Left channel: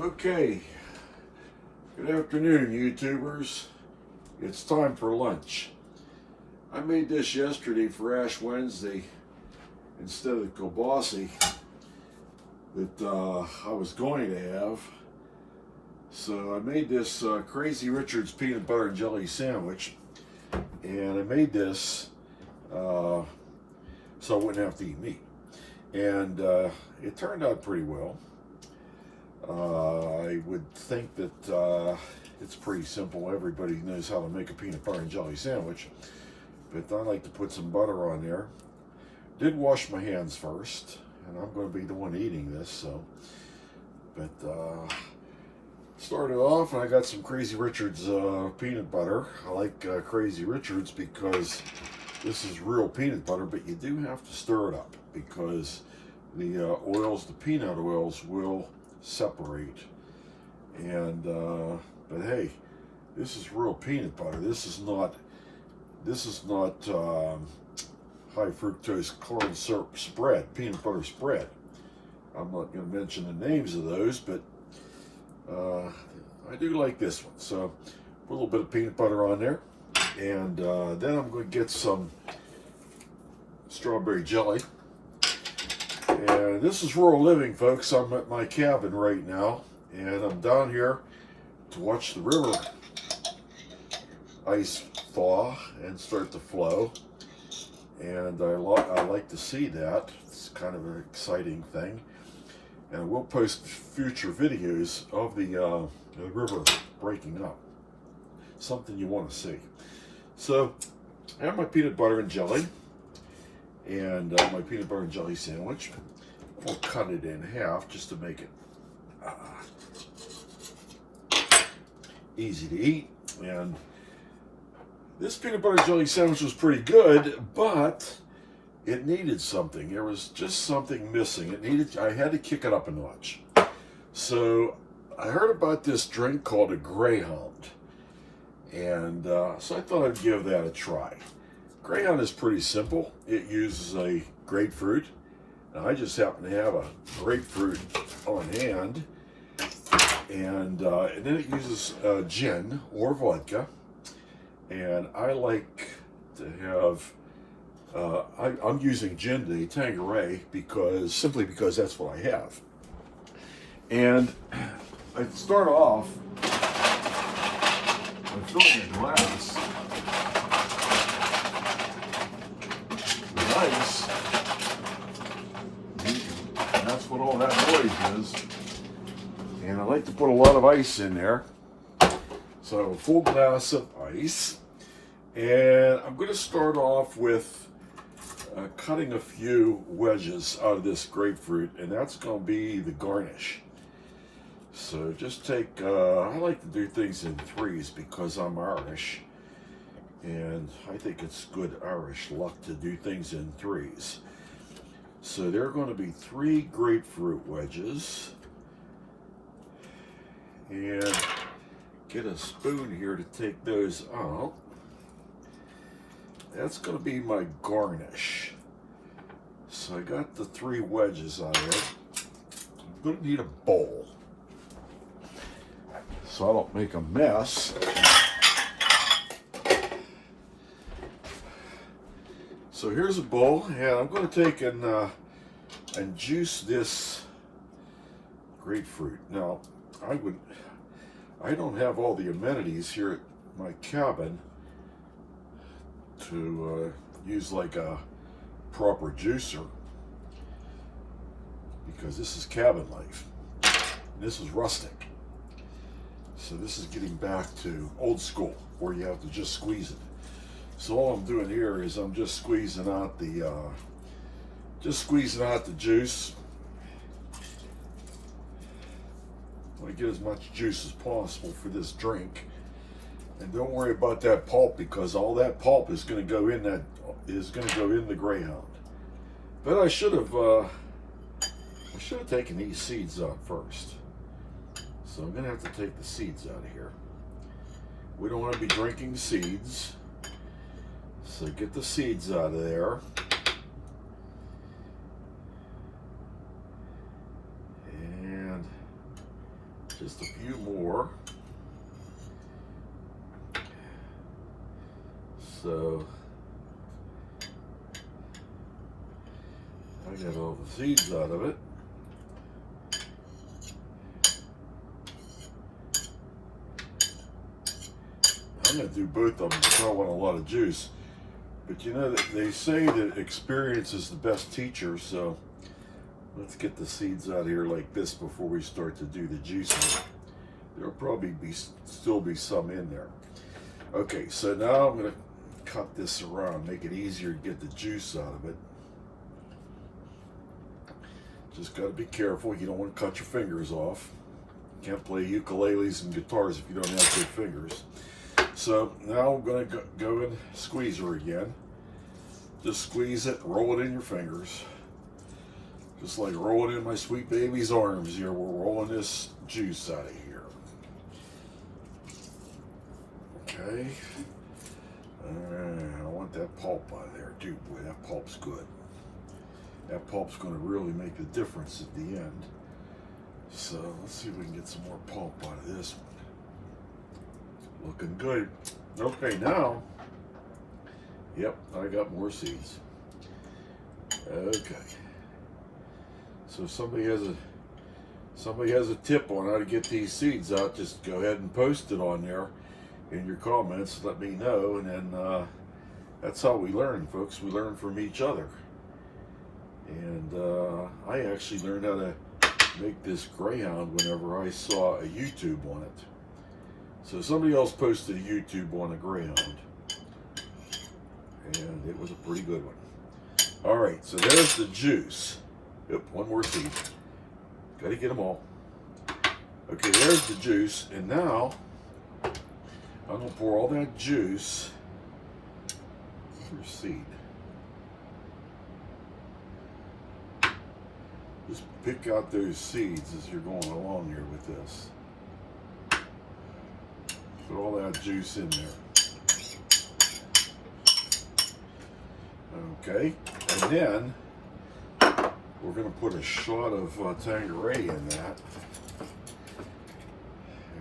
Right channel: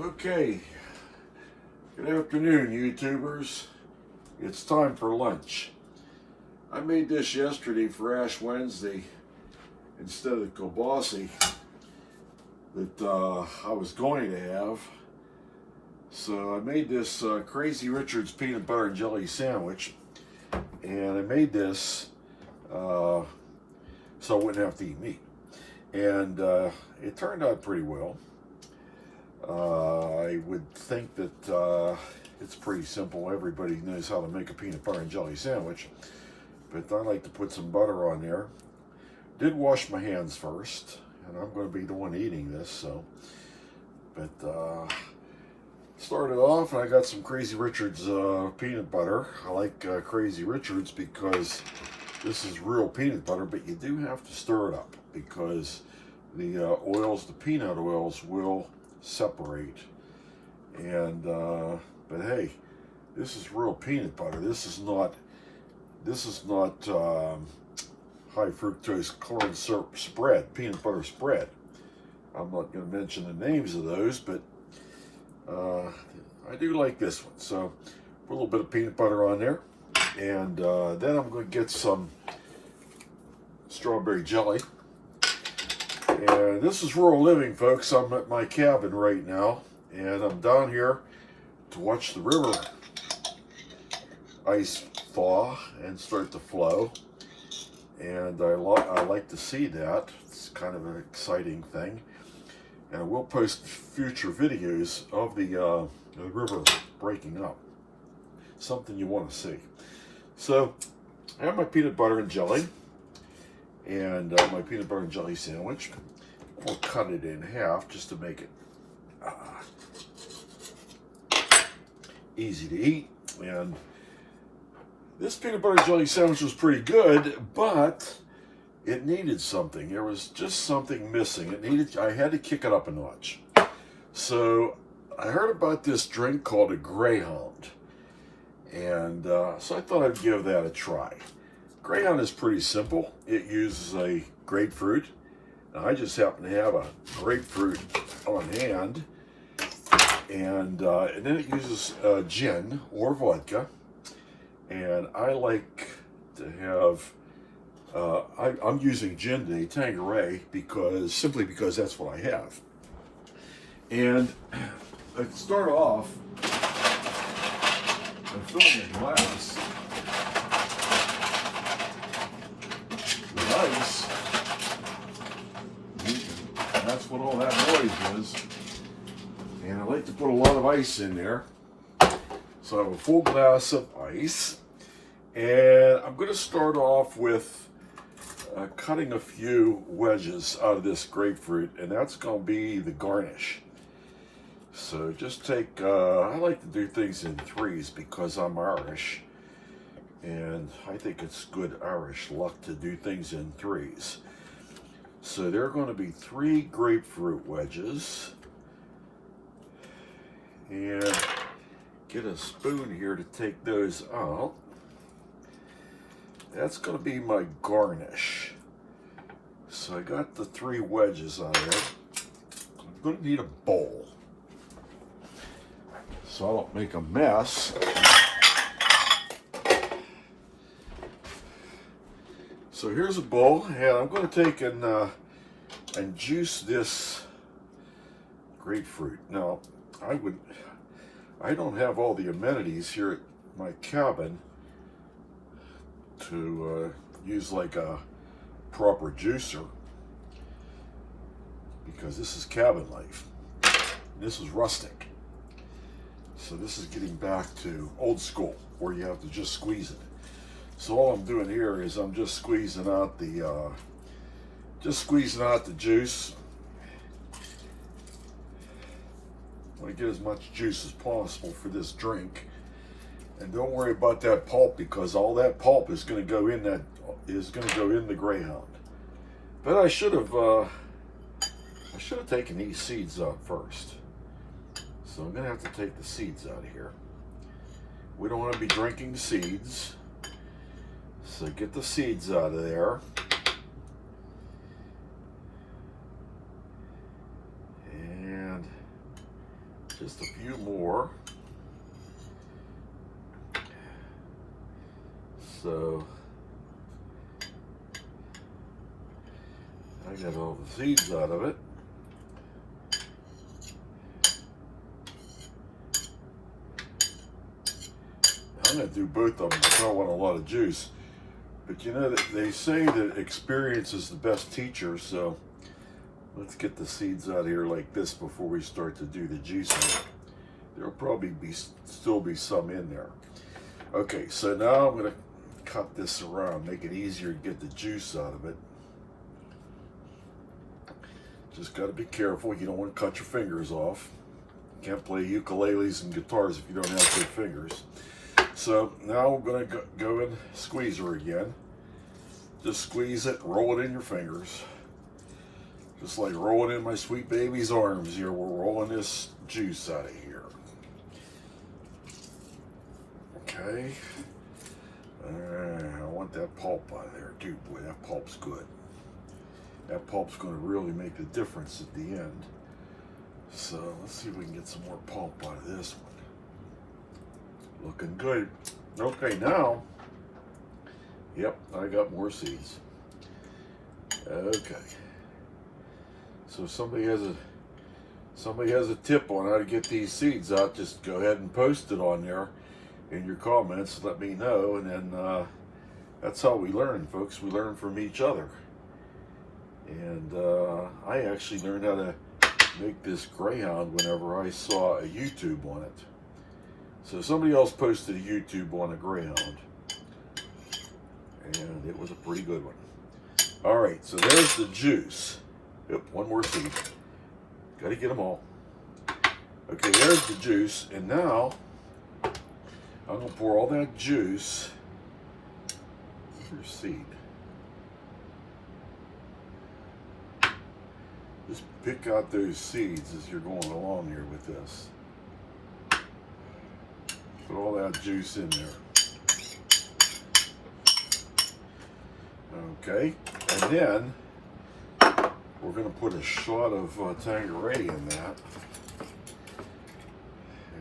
Okay, good afternoon, YouTubers. It's time for lunch. I made this yesterday for Ash Wednesday instead of the kielbasa that I was going to have. So I made this Crazy Richard's peanut butter and jelly sandwich, and I made this so I wouldn't have to eat meat. And it turned out pretty well. I would think that it's pretty simple. Everybody knows how to make a peanut butter and jelly sandwich, but I like to put some butter on there. Did wash my hands first, and I'm going to be the one eating this, so. But started off, and I got some Crazy Richard's peanut butter. I like Crazy Richard's because this is real peanut butter, but you do have to stir it up because the oils, the peanut oils, will separate. And but hey, this is real peanut butter. This is not high fructose corn syrup spread, peanut butter spread. I'm not going to mention the names of those, but I do like this one. So put a little bit of peanut butter on there, and then I'm going to get some strawberry jelly. And this is rural living, folks. I'm at my cabin right now, and I'm down here to watch the river ice thaw and start to flow. And I like to see that. It's kind of an exciting thing. And we'll post future videos of the river breaking up. Something you want to see. So I have my peanut butter and jelly, and my peanut butter and jelly sandwich. We'll cut it in half just to make it easy to eat. And this peanut butter and jelly sandwich was pretty good, but it needed something. There was just something missing. I had to kick it up a notch. So I heard about this drink called a Greyhound, and so I thought I'd give that a try. Greyhound is pretty simple. It uses a grapefruit. Now, I just happen to have a grapefruit on hand, and then it uses gin or vodka, and I like to have, I'm using gin today, Tanqueray, simply because that's what I have. And I start off by filling the glass with ice. And that's what all that noise is. And I like to put a lot of ice in there. So I have a full glass of ice. And I'm going to start off with cutting a few wedges out of this grapefruit, and that's going to be the garnish. So just take, I like to do things in threes because I'm Irish, and I think it's good Irish luck to do things in threes. So there are going to be 3 grapefruit wedges, and get a spoon here to take those out. That's going to be my garnish. So I got the 3 wedges out of there. I'm going to need a bowl so I don't make a mess. So here's a bowl, and I'm going to take and juice this grapefruit. Now, I don't have all the amenities here at my cabin to use like a proper juicer, because this is cabin life. This is rustic. So this is getting back to old school where you have to just squeeze it. So all I'm doing here is I'm just squeezing out the juice. I want to get as much juice as possible for this drink. And don't worry about that pulp, because all that pulp is going to go in the Greyhound. But I should have taken these seeds out first. So I'm going to have to take the seeds out of here. We don't want to be drinking seeds. So get the seeds out of there. And Just a few more. So I got all the seeds out of it. I'm going to do both of them because I want a lot of juice. But you know, they say that experience is the best teacher, so let's get the seeds out of here like this before we start to do the juicing. There'll probably still be some in there. Okay, so now I'm going to cut this around, make it easier to get the juice out of it. Just got to be careful. You don't want to cut your fingers off. You can't play ukuleles and guitars if you don't have good fingers. So now I'm going to go and squeeze her again. Just squeeze it, roll it in your fingers. Just like rolling in my sweet baby's arms here. We're rolling this juice out of here. Okay. I want that pulp out of there too. Boy, that pulp's good. That pulp's going to really make the difference at the end. So let's see if we can get some more pulp out of this one. Looking good. Okay, now, yep, I got more seeds. Okay. So if somebody has a tip on how to get these seeds out, just go ahead and post it on there in your comments. Let me know, and then that's how we learn, folks. We learn from each other. And I actually learned how to make this Greyhound whenever I saw a YouTube on it. So somebody else posted a YouTube on a Greyhound, and it was a pretty good one. All right, so there's the juice. Yep, one more seed. Got to get them all. Okay, there's the juice, and now I'm going to pour all that juice. Here's seed. Just pick out those seeds as you're going along here with this. Put all that juice in there. Okay, and then we're going to put a shot of Tanqueray in that.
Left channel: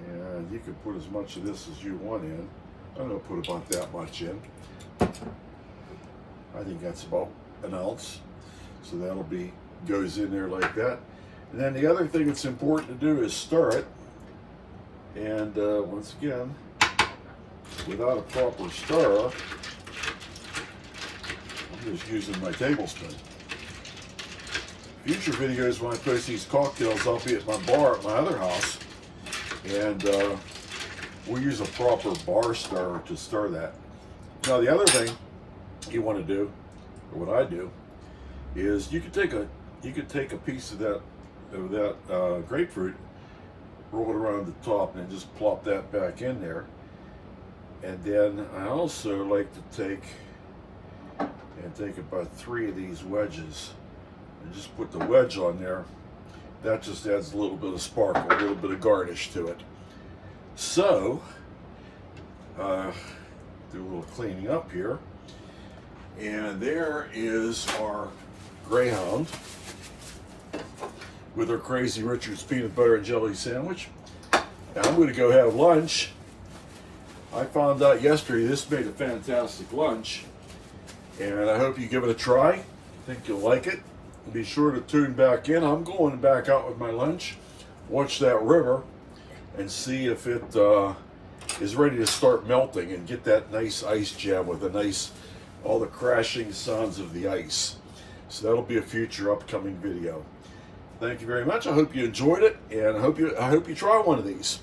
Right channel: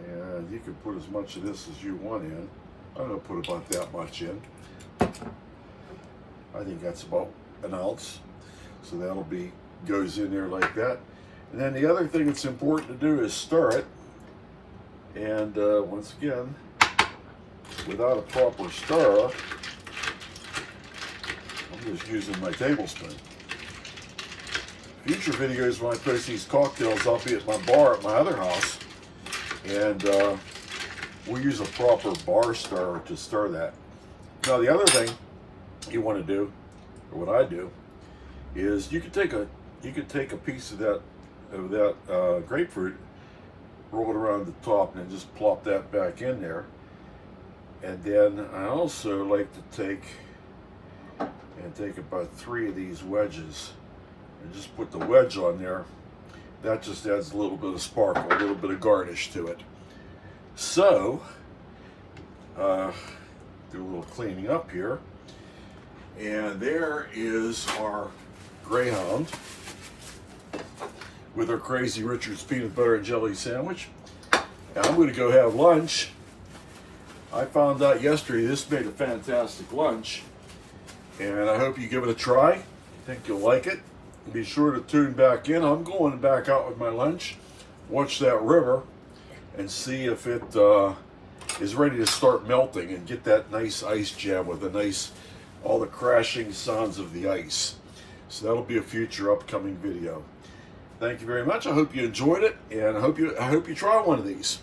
And you can put as much of this as you want in. I'm going to put about that much in. I think that's about an ounce. So that'll be, goes in there like that. And then the other thing that's important to do is stir it. And once again, without a proper stir, I'm just using my tablespoon. Future videos when I post these cocktails, I'll be at my bar at my other house, and we'll use a proper bar stirrer to stir that. Now the other thing you want to do, or what I do, is you could take a piece of that grapefruit, roll it around the top, and then just plop that back in there. And then I also like to take about 3 of these wedges and just put the wedge on there. That just adds a little bit of sparkle, a little bit of garnish to it. So, do a little cleaning up here. And there is our Greyhound with our Crazy Richard's peanut butter and jelly sandwich. Now I'm going to go have lunch. I found out yesterday this made a fantastic lunch, and I hope you give it a try. I think you'll like it. Be sure to tune back in. I'm going back out with my lunch, watch that river, and see if it is ready to start melting and get that nice ice jam with all the crashing sounds of the ice. So that'll be a future upcoming video. Thank you very much. I hope you enjoyed it, and I hope you try one of these.